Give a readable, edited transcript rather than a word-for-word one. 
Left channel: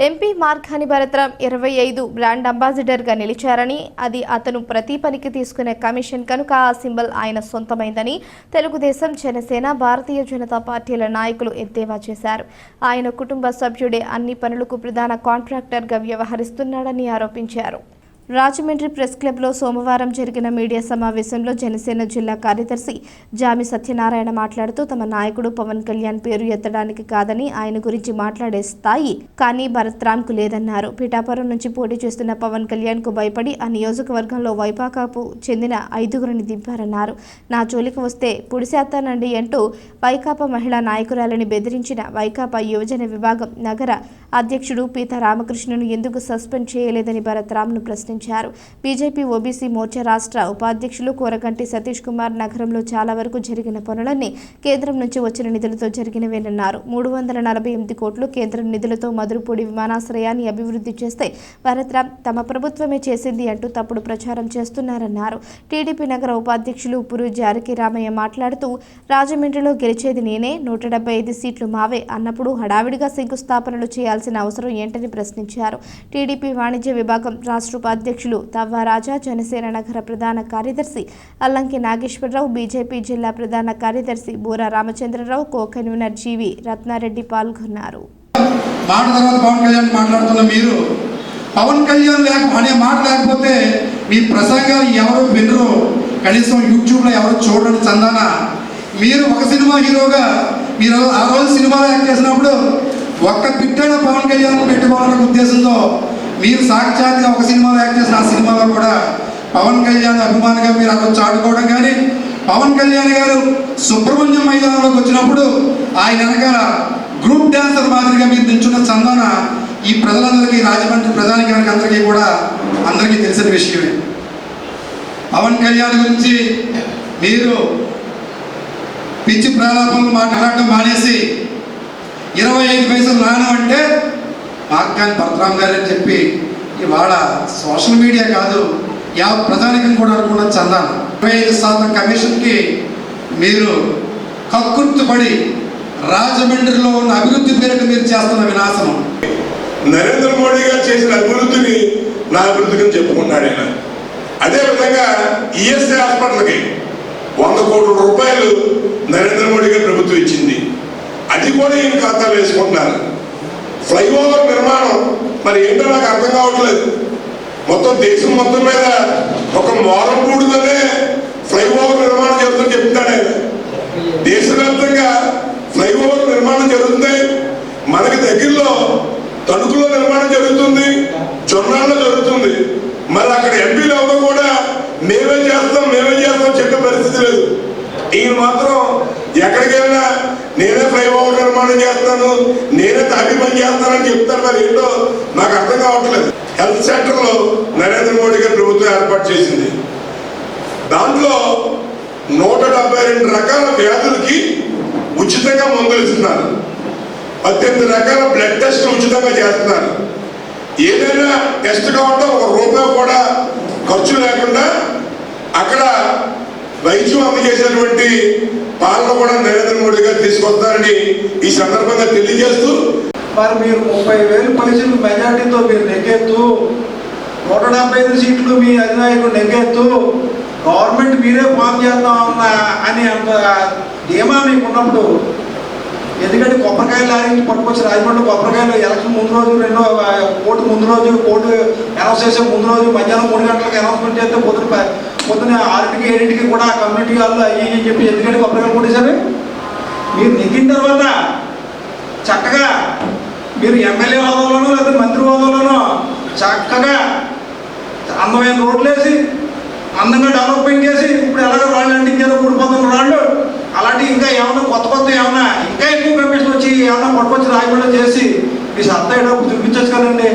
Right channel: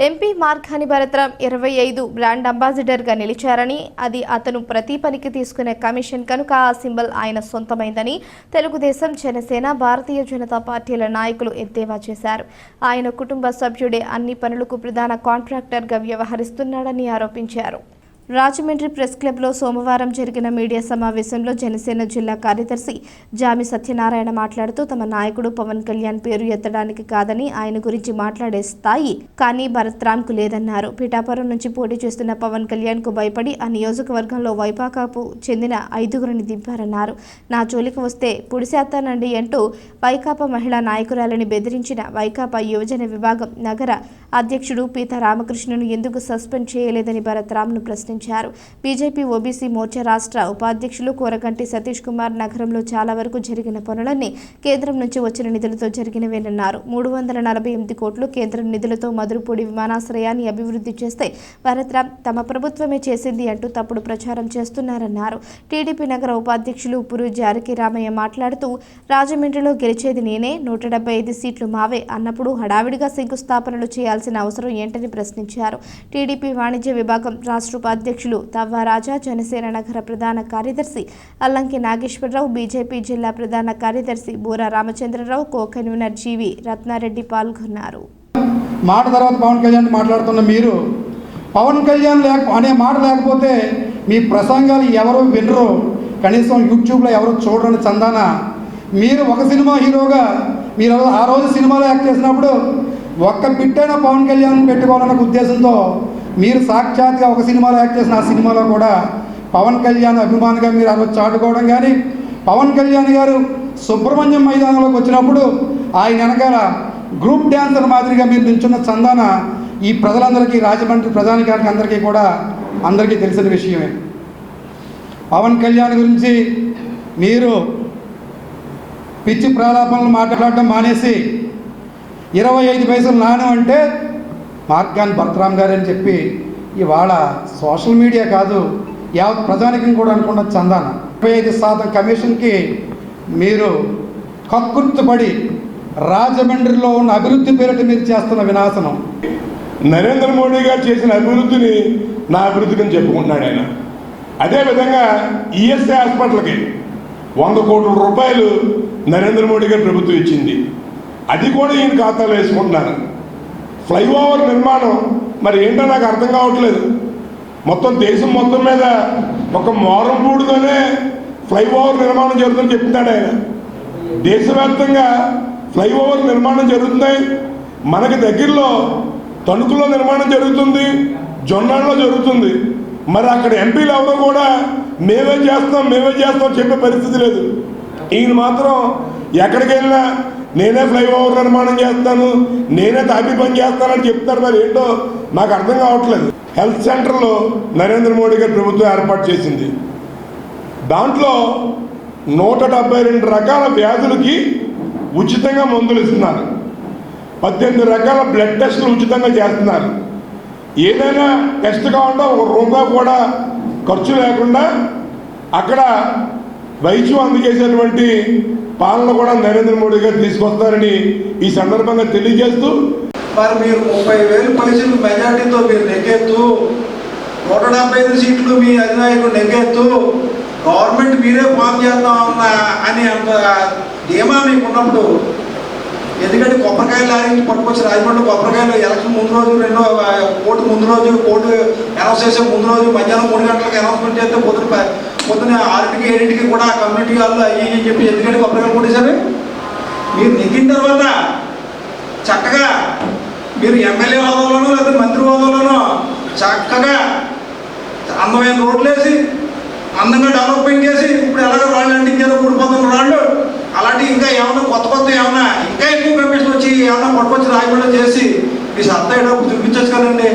MP Margani Bharat Ram 25 brand అంబాసిడర్గా నిలిచారని, అది అతను ప్రతి పనికి తీసుకునే కమిషన్ కనుక ఆ సింబల్ ఆయన సొంతమైందని తెలుగుదేశం, జనసేన, భారతీయ జనతా పార్టీల నాయకులు ఎద్దేవా చేశారు. ఆయన కుటుంబ సభ్యుడే అన్ని పనులకు ప్రధాన కాంట్రాక్టర్గా వ్యవహరిస్తున్నాడని ఆరోపించారు. రాజమండ్రి ప్రెస్ క్లబ్లో సోమవారం జరిగిన మీడియా సమావేశంలో జనసేన జిల్లా కార్యదర్శి జామి సత్యనారాయణ మాట్లాడుతూ, తమ నాయకుడు పవన్ కళ్యాణ్ పేరు ఎత్తడానికి కాదని ఆయన గురించి మాట్లాడే స్థాయి కానీ భరత్రాంకు లేదన్నారు. పిఠాపురం నుంచి పోటీ చేస్తున్న పవన్ కళ్యాణ్కు భయపడి ఆ నియోజకవర్గంలో వైకాపాకు చెందిన 5గురిని దింపారన్నారు. నా జోలికి వస్తే పుడిసేస్తానండి అంటూ వైకాపా మహిళా నాయకురాలని బెదిరించిన వైకాపా యువజన విభాగం నగర అధ్యక్షుడు పీతా రామకృష్ణను ఎందుకు సస్పెండ్ చేయలేదని భరత్రాంను ప్రశ్నించారు. బీజేపీ ఓబీసీ మోర్చా రాష్ట్ర ఉపాధ్యక్షులు కోరగంటి సతీష్ కుమార్ నగరంలో చాలా వరకు జరిగిన పనులన్నీ కేంద్రం నుంచి వచ్చిన నిధులతో జరిగినవేనన్నారు. 348 కోట్లు కేంద్రం నిధులతో మధురపూడి విమానాశ్రయాన్ని అభివృద్ధి చేస్తే భరత్రాం తమ ప్రభుత్వమే చేసింది అంటూ తప్పుడు ప్రచారం చేస్తున్నారన్నారు. టీడీపీ నగర ఉపాధ్యక్షులు పురు జానకి రామయ్య మాట్లాడుతూ, రాజమండ్రిలో గెలిచేది నేనే, 175 సీట్లు మావే అన్నప్పుడు హడావిడిగా శంకుస్థాపనలు చేయాల్సిన అవసరం ఏంటని ప్రశ్నించారు. టీడీపీ వాణిజ్య విభాగం రాష్ట్ర ఉపాధ్యక్షులు తవ్వారాజా, జనసేన నగర ప్రధాన కార్యదర్శి అల్లంకి నాగేశ్వరరావు, బీజేపీ జిల్లా ప్రధాన కార్యదర్శి బూరా రామచంద్రరావు, కో-కన్వీనర్ జీవి రత్నారెడ్డి పాల్గొన్నారు. మాట తర్వాత పవన్ కళ్యాణ్ మాట్లాడుతున్న మీరు, పవన్ కళ్యాణ్ అనే మాట లేకపోతే మీ ప్రసంగాలు ఎవరు వినరు, కనీసం యూట్యూబ్లో ఎవరు చూడని చందాన మీరు ఒక సినిమా హీరోగా మీరు ఆ రోజు సినిమాలో యాక్ట్ చేసినప్పుడు ఒక్క పిట్టైన పవన్ కళ్యాణ్ పెట్టుకోవాలనే ఉద్దేశంతో మీరు సాక్షాత్గా ఒక సినిమాలో యాక్ట్ చేసిన ఆ సినిమాలో కూడా పవన్ కళ్యాణ్ అభిమానిగా మీరు అక్కడ చాటుకోవడం కానీ, పవన్ కళ్యాణ్ గారు సుబ్రహ్మణ్యం మైదానంలోకి వచ్చినప్పుడు ఆయన వెనకాల గ్రూప్ డ్యాన్సర్ మాదిరిగా మీరు నిల్చున్న చందాన ఈ ప్రజలందరికీ, రాజమండ్రి ప్రజానికానికి అందరికీ కూడా అందరికీ తెలిసిన విషయమే. పవన్ కళ్యాణ్ గురించి మీరు పిచ్చి ప్రలాపనలు మాట్లాడడం మానేసి 25 పైసలు నాణం అంటే మార్గాని భరత్రాం గారు అని చెప్పి ఇవాళ సోషల్ మీడియా కాదు ప్రజానికం కూడా అనుకున్న చందాన 25% కమిషన్కి మీరు కక్కుర్తిపడి రాజమండ్రిలో ఉన్న అభివృద్ధి పేరిట మీరు చేస్తున్న వినాశనం. నరేంద్ర మోడీ గారు చేసిన అభివృద్ధిని నా అభివృద్ధిని చెప్పుకున్నాడు ఆయన. అదేవిధంగా ఈఎస్ఐ హాస్పిటల్కి 100 కోట్ల రూపాయలు నరేంద్ర మోడీ గారి ప్రభుత్వం ఇచ్చింది. అది కూడా ఈయన ఖాతాలో వేసుకుంటున్నారు. ఫ్లైఓవర్ నిర్మాణం మరి ఏంటో నాకు అర్థం కావట్లేదు. మొత్తం దేశం మొత్తం మీద ఒక మోరపూడుగానే ఫ్లైఓవర్ నిర్మాణం జరుగుతుందని చెప్తాడు ఆయన. దేశవ్యాప్తంగా ఫ్లైఓవర్ నిర్మాణం జరుగుతుంది. మనకి దగ్గరలో తణుకులో నిర్మాణం జరుగుతుంది, జొన్నాళ్ళలో జరుగుతుంది. మరి అక్కడ ఎంపీలు ఎవరు కూడా మేమేం చేస్తాం చెప్పే పరిస్థితి లేదు. ఈయన మాత్రం ఎక్కడికి వెళ్ళినా నేనే ఫ్లైఓవర్ నిర్మాణం చేస్తాను, నేనే తాపి పని చేస్తానని చెప్తారు. మరి ఏంటో నాకు అర్థం కావట్లేదు. హెల్త్ సెంటర్లో నరేంద్ర మోడీ గారి ప్రభుత్వం ఏర్పాటు చేసింది. దాంట్లో 172 రకాల వ్యాధులకి ఉచితంగా మందులు ఇస్తున్నారు. 18 రకాల బ్లడ్ టెస్టులు ఉచితంగా చేస్తున్నారు. ఏదైనా టెస్ట్ కావాలంటే ₹1 కూడా ఖర్చు లేకుండా అక్కడ వైద్యం అందజేసేటువంటి పాలన కూడా నరేంద్ర మోడీ గారు తీసుకొస్తారని ఈ సందర్భంగా తెలియజేస్తూ, మరి మీరు 30,000 పైసలు మెజార్టీతో మీరు నెగ్గెత్తు, 175 సీట్లు మీ అధినాయకుడు నెగ్గెత్తు, గవర్నమెంట్ మీరే ఫామ్ చేద్దాం అని అంత ధీమా మీకు ఉన్నప్పుడు, ఎందుకంటే కొబ్బరికాయలు లారించి పట్టుకొచ్చి రాజమండ్రి కొబ్బరికాయలు ఎలక్షన్ ముందు రోజు, ఓటు ముందు రోజు, ఓటు అనౌన్స్ చేసే ముందు రోజు మధ్యాహ్నం 3 గంటలకు అనౌన్స్మెంట్ చేస్తే పొద్దున 6కి 7కి కూడా కమ్యూనిటీ హాల్లో అయ్యి అని చెప్పి ఎందుకంటే కొబ్బరికాయలు కొట్టేశారు. మీరు నెగ్గిన తర్వాత చక్కగా మీరు ఎమ్మెల్యే హోదాలోనో లేదా మంత్రి హోదాలోనో చక్కగా అందమైన రోడ్లు వేసి అందంగా డెవలప్మెంట్ చేసి, ఇప్పుడు ఎలాగో రాళ్ళు అంటించారు 3 రాళ్ళు, అలాంటి ఇంకా ఏమన్నా కొత్త ఏమన్నా ఇంకా ఎక్కువ కమిషన్ వచ్చి ఏమన్నా పట్టుకొచ్చి రాజమండ్రి చేసి మీ సత్తా ఏడో చూపించచ్చు కదండి.